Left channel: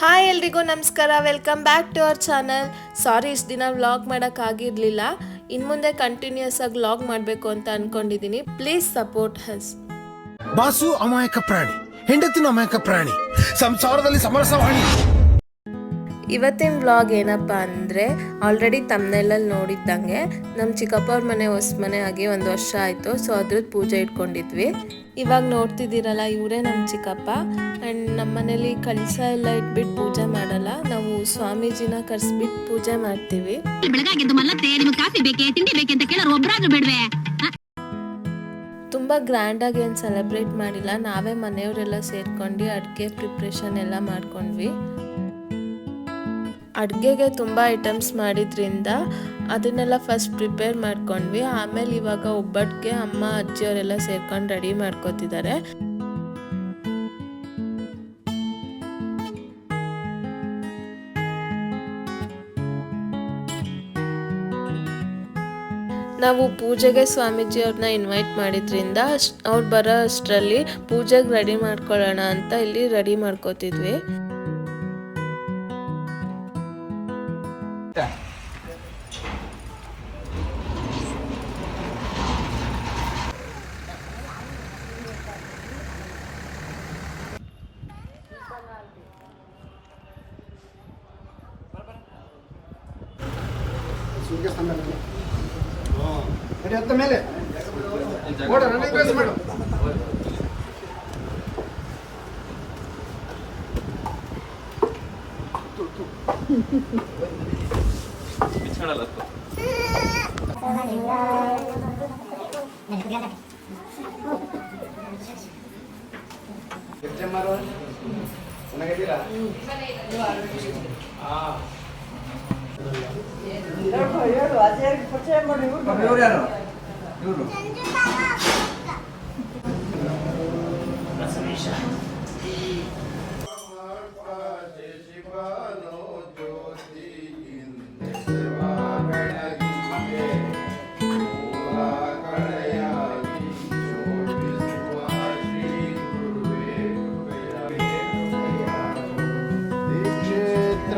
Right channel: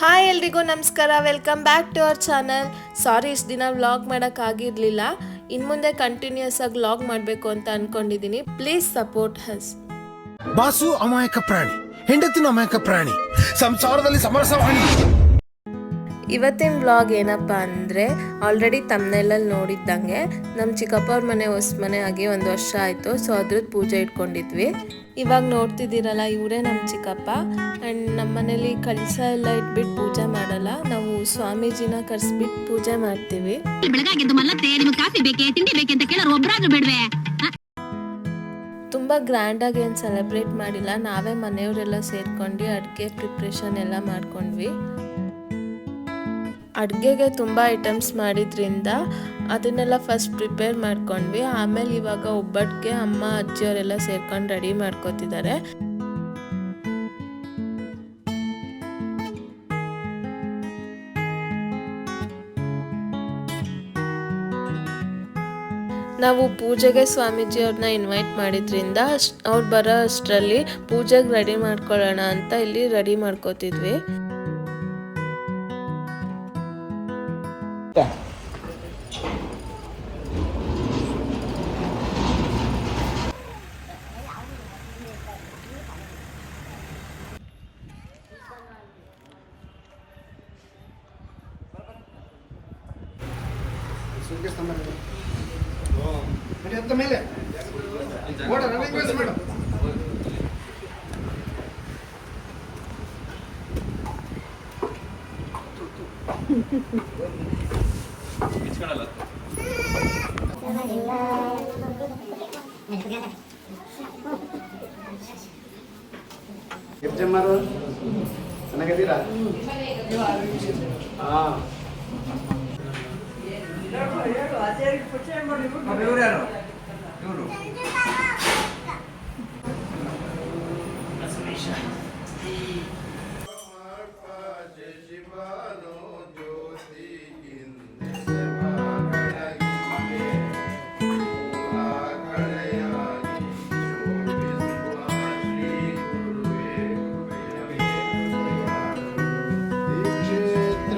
Hi ಎಲ್ರಿಗೂ ನಮಸ್ಕಾರ, welcome back to our channel. Sorry ಇಷ್ಟು ದಿನ ವ್ಲಾಗ್ ಮಾಡೋಕ್ಕಾಗಿರಲಿಲ್ಲ. ಇನ್ನು ಮುಂದೆ ಕಂಟಿನ್ಯೂಸ್ ಆಗಿ ವ್ಲಾಗ್ ಮಾಡಬೇಕು ಅಂತ ಅಂದ್ಕೊಂಡಿದ್ದೀನಿ. ಪ್ಲೀಸ್ ಸಪೋರ್ಟ್ ಹಸ್. ಬಾಸು ಅಮಾಯಕ ಪ್ರಾಣಿ, ಹೆಂಡತಿನ ಅಮಾಯಕ ಪ್ರಾಣಿ, ಸಂಸಾರದಲ್ಲಿ ಸಮರಸವಾಣಿ. ಇವತ್ತಿನ ವ್ಲಾಗ್ ಏನಪ್ಪ ಅಂದರೆ, ಆಲ್ರೆಡಿ ತಮ್ಮನೆಲ್ಲಲ್ಲಿ ನೋಡಿದ್ದಂಗೆ ನಮ್ಮ ಚಿಕ್ಕಪ್ಪ ಅವ್ರ ಮನೆ ಹೊಸ ಮನೆ ಆಗಿ 1 ವರ್ಷ ಆಯಿತು. ಸೊ ಅದ್ರದ್ದು ಪೂಜೆ ಇಟ್ಕೊಂಡಿದ್ವಿ. ಇವಾಗ ನೋಡ್ತಿದ್ದೀರಲ್ಲ, ಇವರೇ ನಮ್ಮ ಚಿಕ್ಕಪ್ಪ. ಆ್ಯಂಡ್ ನಮ್ಮ ಮನೇಲಿ ಕಳಸ ಎಲ್ಲ ಇಟ್ಬಿಟ್ಟು ಪೂಜೆ ಮಾಡಲ್ಲ, ನಾವು ಸ್ವಾಮೀಜಿನ ಕರೆಸ್ಬಿಟ್ಟು ಪೂಜೆ ಮಾಡ್ತೀವಿ. ತುಂಬ ಗ್ರ್ಯಾಂಡಾಗಿ ಏನು ಸೆಲೆಬ್ರೇಟ್ ಮಾಡಿಲ್ಲ, ನಾವೇ ಮನೆಯವರೆಲ್ಲ ಸೇರ್ಕೊಂಡು ಅಡುಗೆ ಪ್ರಿಪ್ರೇಷನ್ ಎಲ್ಲ ಮಾಡ್ಕೊಂಡ್ವಿ. ಅಡುಗೆಗೆ ತುಂಬ ಐಟಮ್ಸ್ ಮಾಡಿದ್ರಿಂದ ಅದನ್ನೆಲ್ಲ ಫಸ್ಟ್ ಪ್ರಿಪೇರ್ ಮಾಡ್ಕೊಂಡ್ವಿ. ಆಮೇಲೆ ಇವಾಗ ಒಬ್ಬಟ್ಟಿಗೆ ಅಮ್ಮ ಅಜ್ಜಿಯವರೆಲ್ಲ ಸೇರ್ಕೊಂಡು ರೆಡಿ ಮಾಡ್ಕೋತಿದ್ದಾರೆ. ನಾವು ಪೂಜೆಗೆ ಸ್ವಾಮೀಜಿ ಅವ್ರನ್ನ ಇನ್ವೈಟ್ ಮಾಡಿದ್ರಿಂದ ಅವ್ರು ಬರೋ ಅಷ್ಟರಲ್ಲಿ ಪೂಜೆಗೆ ರೆಡಿ ಮಾಡ್ಕೊಳ್ಳೋಣ ಅಂತ ಇಲ್ಲಿ ರೆಡಿ ಮಾಡ್ಕೋತಿದ್ವಿ. ಮೇಲೆ ಚೆನ್ನಾಗಿದ್ದೀರಾ?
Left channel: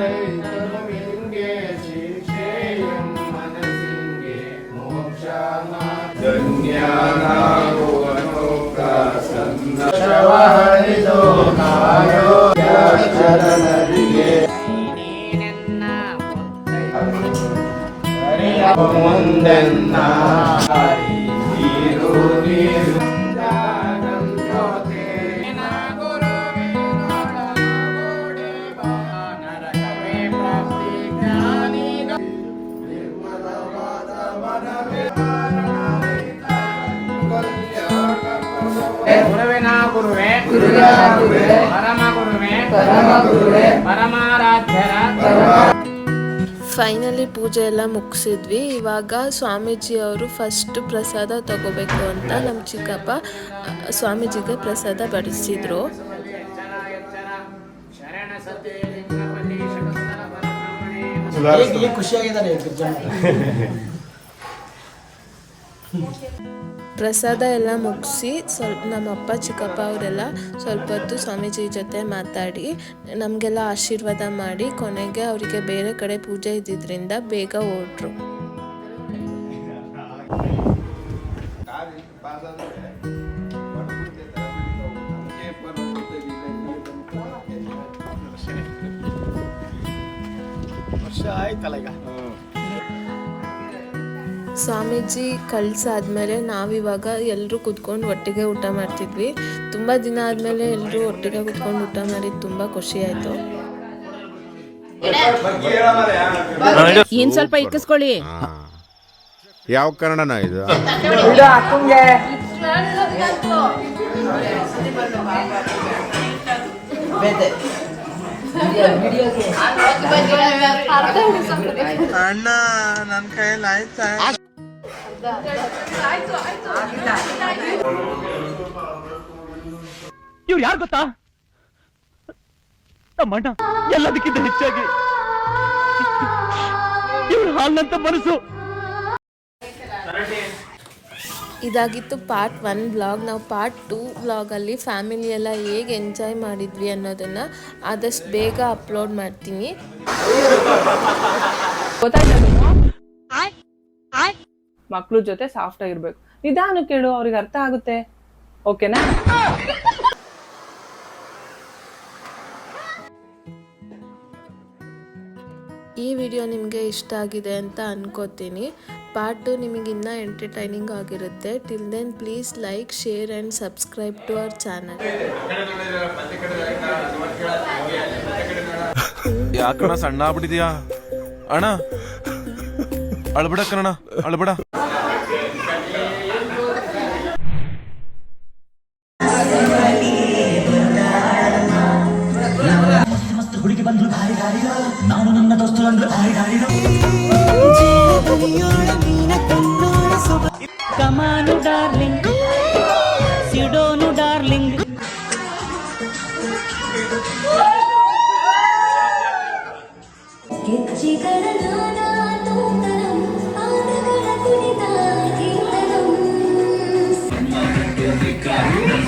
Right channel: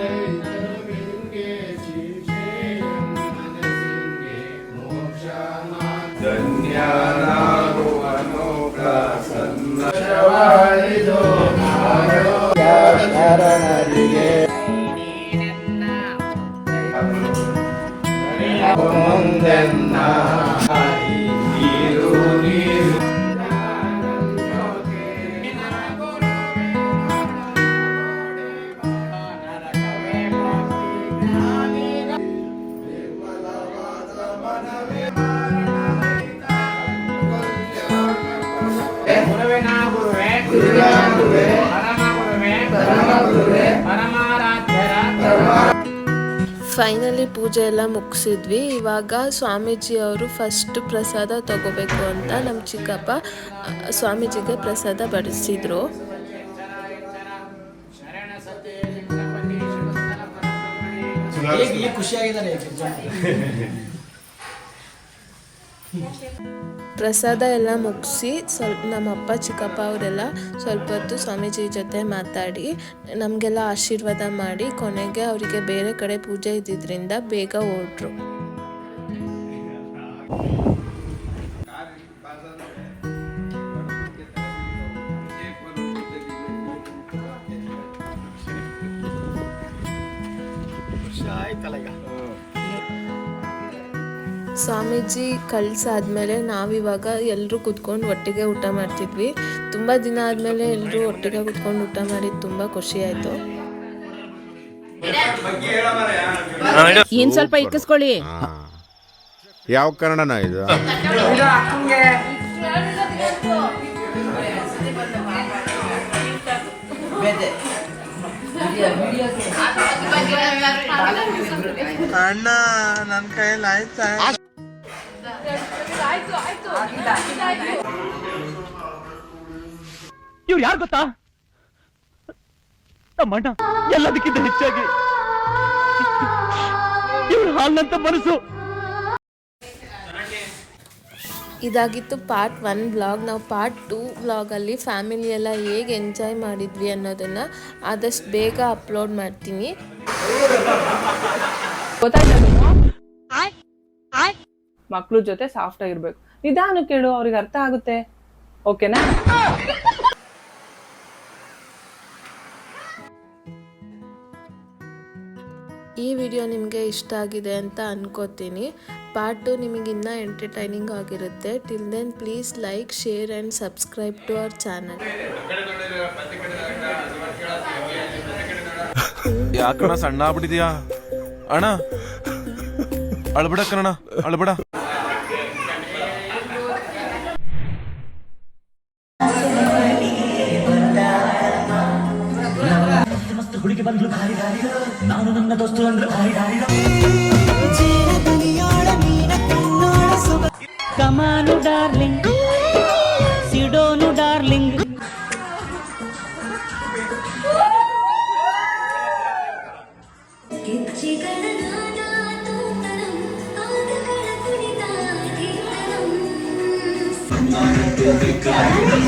ದೀಕ್ಷೇತ್ರೈತನುವಿಂಗೆ ಶಿಕ್ಷೇಯಂ ಮನಸಿಂಗೆ ಮೋಕ್ಷಾನ ಧನ್ಯಾನಾಭುವನೋ ಪ್ರಸನ್ನಶವಹರಿದೋ ಕಾಯೋ ಶರಣದಿಗೆ ಮುಂದೆನ್ನ ನೀರು ನೀರು ಗುರುವೇ ಪರಮ ಗುರುವೇ ಪರಮಾರಾಧ್ಯರ. ಫೈನಲಿ ಪೂಜೆ ಎಲ್ಲ ಮುಗಿಸಿದ್ವಿ. ಇವಾಗ ಸ್ವಾಮೀಜಿ ಅವರು ಫಸ್ಟ್ ಪ್ರಸಾದ ತಗೋಬೇಕು ಅಂತ ನಮ್ಮ ಚಿಕ್ಕಪ್ಪ ಸ್ವಾಮೀಜಿಗೆ ಪ್ರಸಾದ ಬಡಿಸಿದ್ರು. ಪ್ರಸಾದ ಎಲ್ಲ ಮುಗಿಸಿ ನಮ್ಮಪ್ಪ ಚಿಕ್ಕಪ್ಪ ಅವರೆಲ್ಲ ಸ್ವಲ್ಪ ಹೊತ್ತು ಸ್ವಾಮೀಜಿ ಜೊತೆ ಮಾತಾಡಿ ನಮಗೆಲ್ಲ ಆಶೀರ್ವಾದ ಮಾಡಿ ಕೊನೆಗೆ ಅವರಿಗೆ ಬೇರೆ ಕಡೆ ಪೂಜೆ ಇದ್ದಿದ್ದರಿಂದ ಬೇಗ ಹೊರಟ್ರು. ಸ್ವಾಮೀಜಿ ಕಳ್ಸಾದ್ಮೇಲೆ ನಾವಿವಾಗ ಎಲ್ಲರೂ ಕುತ್ಕೊಂಡು ಒಟ್ಟಿಗೆ ಊಟ ಮಾಡ್ತಿದ್ವಿ. ತುಂಬ ದಿನ ಆದಮೇಲೆ ಎಲ್ಲರೂ ಒಟ್ಟಿಗೆ ಕುತ್ಕೊಂಡು ಊಟ ಮಾಡಿದ್ದು ತುಂಬ ಖುಷಿ ಆಯಿತು. ಇನ್ ಸ್ವಲ್ಪ ಇಕ್ಕಿಸ್ಕೊಳ್ಳಿ. ಯಾವ ಕನ್ನಡನ ಇದು? ಅಣ್ಣ ನನ್ನ ಕೈಯಲ್ಲಿ ಆಯ್ತಾ? ಇವ್ರು ಯಾರು ಗೊತ್ತಾ? ನಮ್ಮಣ್ಣ ಎಲ್ಲದಕ್ಕಿಂತ ಹೆಚ್ಚಾಗಿ ಇವ್ರು ಹಾಲ್ನಂತ ಮನಸ್ಸು. ಇದಾಗಿತ್ತು ಪಾರ್ಟ್ 1 ವ್ಲಾಗ್. ನಾವು ಪಾರ್ಟ್ 2 ವ್ಲಾಗಲ್ಲಿ ಫ್ಯಾಮಿಲಿ ಎಲ್ಲ ಹೇಗೆ ಎಂಜಾಯ್ ಮಾಡಿದ್ವಿ ಅನ್ನೋದನ್ನು ಆದಷ್ಟು ಬೇಗ ಅಪ್ಲೋಡ್ ಮಾಡ್ತೀನಿ. ಮಕ್ಳು ಜೊತೆ ಸಾಫ್ಟ್ ಆಗಿರ್ಬೇಕು. ನಿಧಾನ ಕೇಳು, ಅವ್ರಿಗೆ ಅರ್ಥ ಆಗುತ್ತೆ. ಓಕೆನಾ? ಈ ವಿಡಿಯೋ ನಿಮಗೆ ಇಷ್ಟ ಆಗಿದೆ ಅಂತ ಅನ್ಕೋತೀನಿ. ಪಾರ್ಟ್ 2 ನಿಮಗೆ ಇನ್ನೂ ಎಂಟರ್ಟೈನಿಂಗ್ ಆಗಿರುತ್ತೆ. Till then please like, share and subscribe to our channel. ಯಾಕಣ ಸಣ್ಣ ಆಗ್ಬಿಟ್ಟಿದ್ಯಾ ಅಣ್ಣ? ಅಳ್ಬೇಡ ಕಣ, ಅಳ್ಬೇಡ. ಹುಡುಗಿ ಬಂದ್ರು ಭಾರಿ ದಾರಿಲ, ನಾನು ನನ್ನ ದೋಸ್ತು ಅಂದ್ರು ಭಾರಿ ದಾರಿಲ. ಕಮಾನು ಡಾರ್ಲಿಂಗ್, ಸಿಡೋನು ಡಾರ್ಲಿಂಗ್.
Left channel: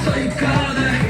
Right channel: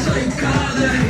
Saikan